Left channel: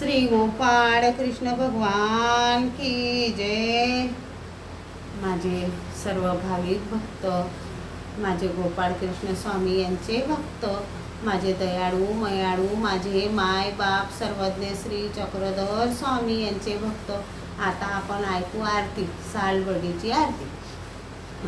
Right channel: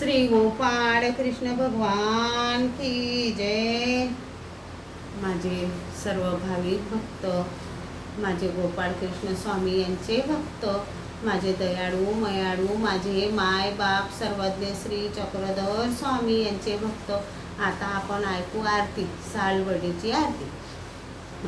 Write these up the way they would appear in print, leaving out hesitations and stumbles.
श्री गोपाळ कृष्ण भगवान की जय। माझे सर्व भाविक भक्त, माझे गोपाळ कृष्ण स्वामी यांचे भक्त, माझे दयाळू मयाळू, माझे माय बाप सर्वज्ञ श्री चक्रधर स्वामी यांचे भक्त। आता आपण ऐकू आरती, सालवडीची आरती।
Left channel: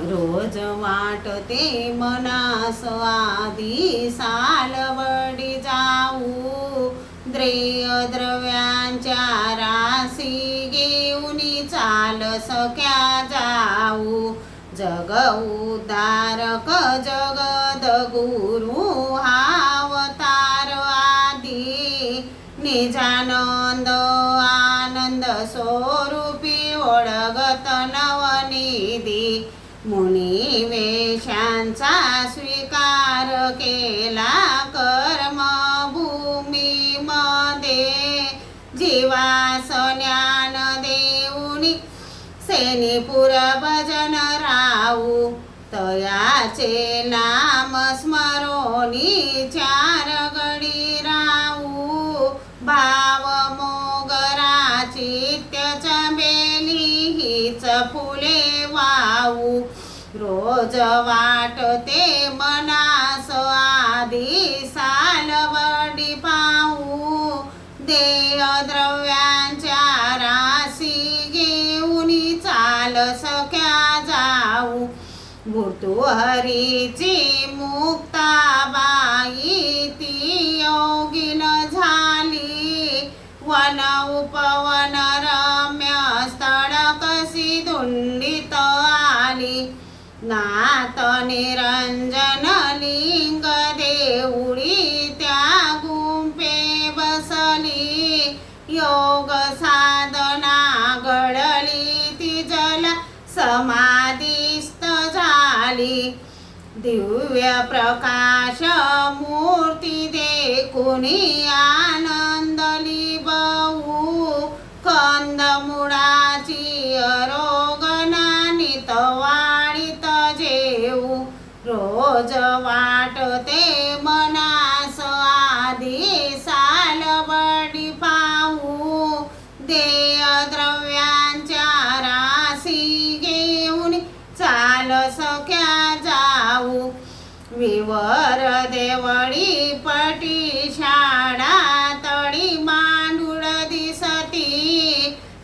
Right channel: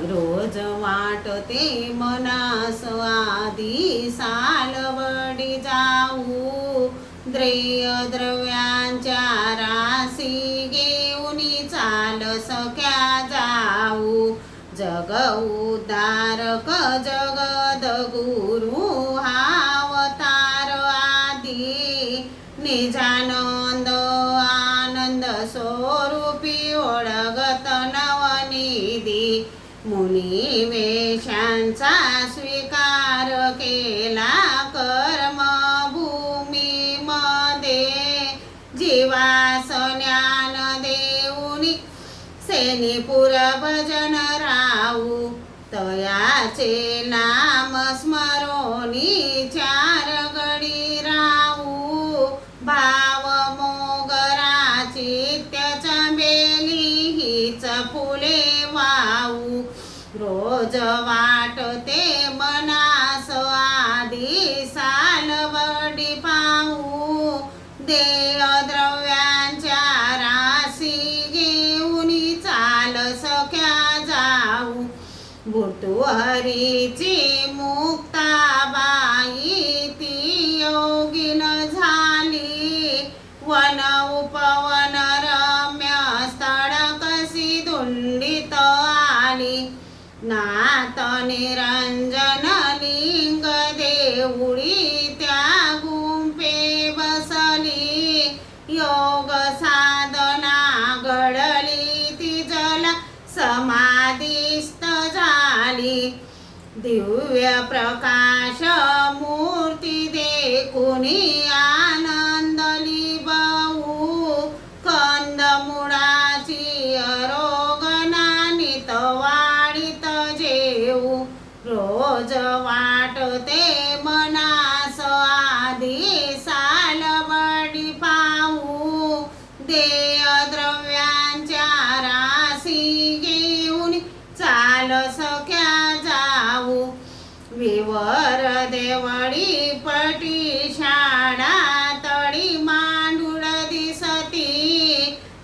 रोज वाटते मनास आधी सालवडी जाऊ, द्रेय द्रव्यांच्या राशी घेऊनी चाल सख्या जाऊ। जग उद्धारक जगद्गुरु अवतार आधी, निजानंद आनंद स्वरूपी ओळगत नवनिधी। मुनी वेशांचा स्वीकार केला कर्मभूमी मध्ये, जीवास ज्ञान देऊनी सेनीपुर भजन राहू। तयाचे नाम स्मरोनी चार गडी राहू, भाव मोगराची त्याच्या बेली हीच फुले वाहू। रोज वाटते मनास आधी सालवडी पाहू, देय द्रव्यांच्या राशी घेऊनी चाल सख्या जाऊ। भूतहरीची मुक्ताबाई ती योगिन झाली, वन उपवन रम्य स्थळ कशी धुंडीत आली। नाथ निरंजन लिंग देऊळी त्या गुंफे बसली, योग साधना घडली ती जला समाधिस्थ झाली। दिव्य प्रकाश मूर्ती देखुनी आनंदली बहु, कंदमुळाची अरोगणा नित वाढीत जेऊ। रोज वाटते मनास आधी सालवडी पाहू, देय द्रव्यांच्या राशी घेऊन चाल सख्या जाऊ। विवर देवळी पटी शाळा तळी मांडुळ दिसती,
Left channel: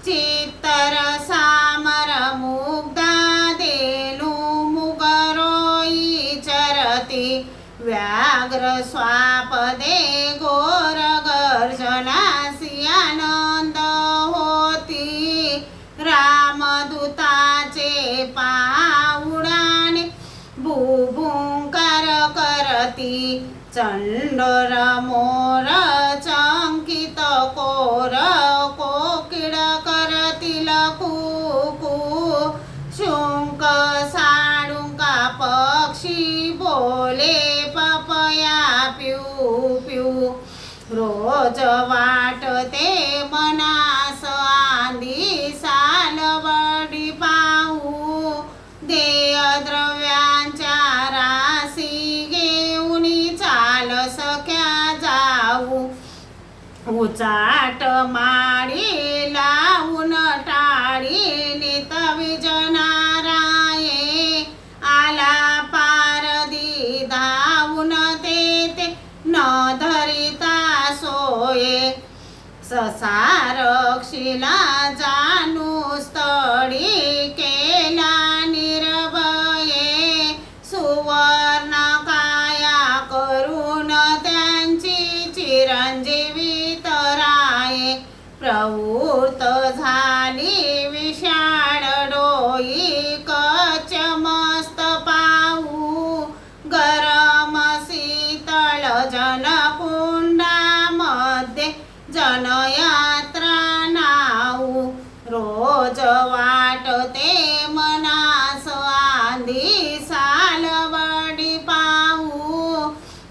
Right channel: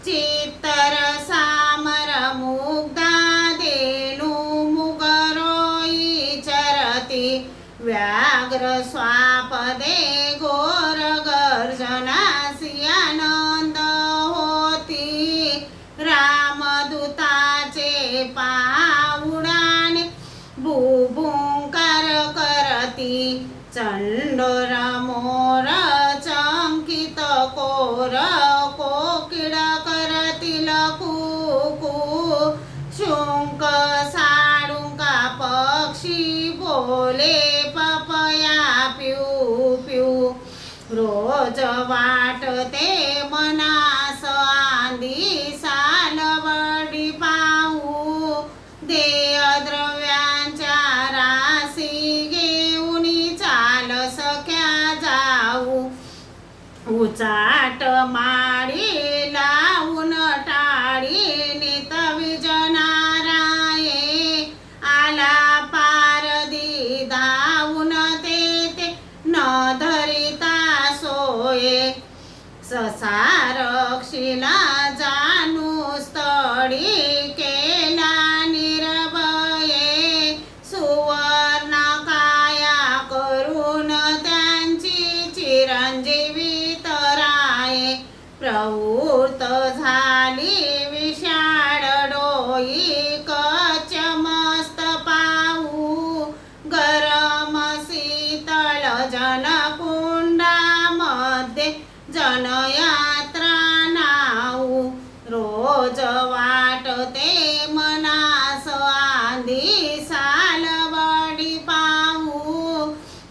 चित्तर सामर मुग्धा देणू मुगरोई चरती। व्याघ्र स्वापदे घोर गर्जनासी आनंद होती, रामदूताचे पाउडाने भूभुंकार करती। चंडोर मोर चंकित कोर कोकिळ करतील कुकू, शुंक साळुंका पक्षी बोले पपया पिऊ पिऊ। रोज वाटते मनास आधी सालवडी पाहू, देय द्रव्यांच्या राशी घेऊनी चाल सख्या जाऊ। उचाट माळी लावून टाळी नित विजनाराये, आला पारदी धावून तेथे न धरिता सोये। ससारक्षिला जाणू स्थळी केला निर्भये, सुवर्ण काया करून त्यांची चिरंजीवी तराये। प्रवृत्त झाली विशाळ डोई कच मस्त पाहू, गरम शीतळ जनकुंडामध्ये जनयात्रा नाऊ। रोज वाटते मनास आधी सालवडी पाहू,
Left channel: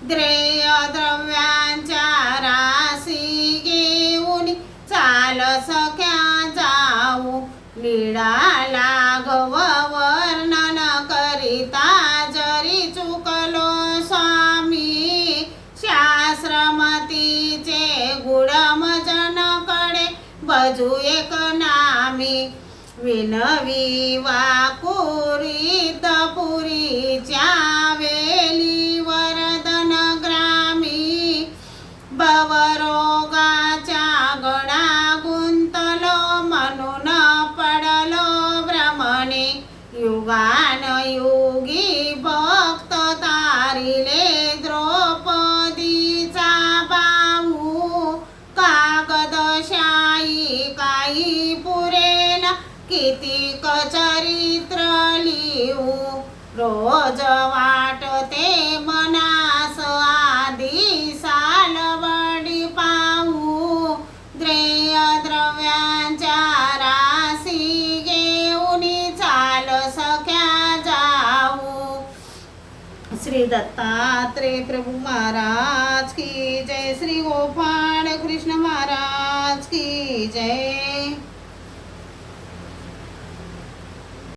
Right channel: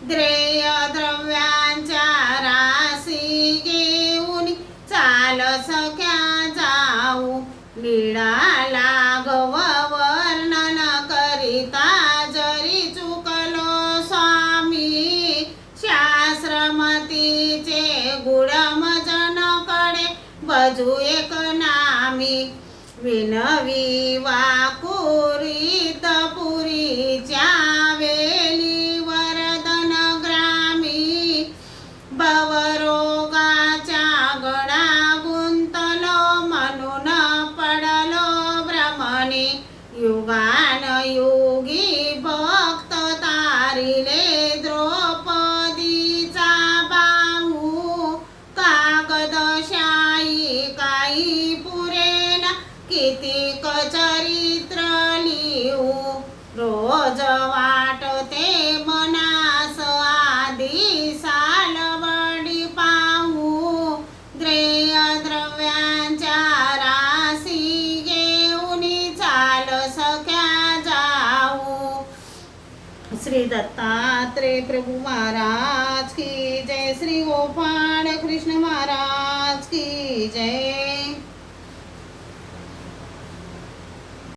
द्रेय द्रव्यांच्या राशी घेऊन चाल सख्या जाऊ। लीळा लाघव वर्णन करिता जरी चुकलो स्वामी, शास्त्रमतीचे गुणमजन बजू एक नामी विनवी वाकुरीत पुरीच्या वेली वरदन ग्रामी भवरोगाच्या गळा गुंतलो म्हणून पडलो भ्रमणे युगान युगी भक्त तारिले द्रौपदीचा बाहू कागदशाही काही पुरेन कितीक चरित्र लिहू रोज वाटते मनास आधी सालबडी पाहू द्रेय द्रव्यांच्या राशी घेऊन चाल सख्या जाऊ। श्री दत्तात्रेय प्रभु महाराज की जय। श्री गोपाळ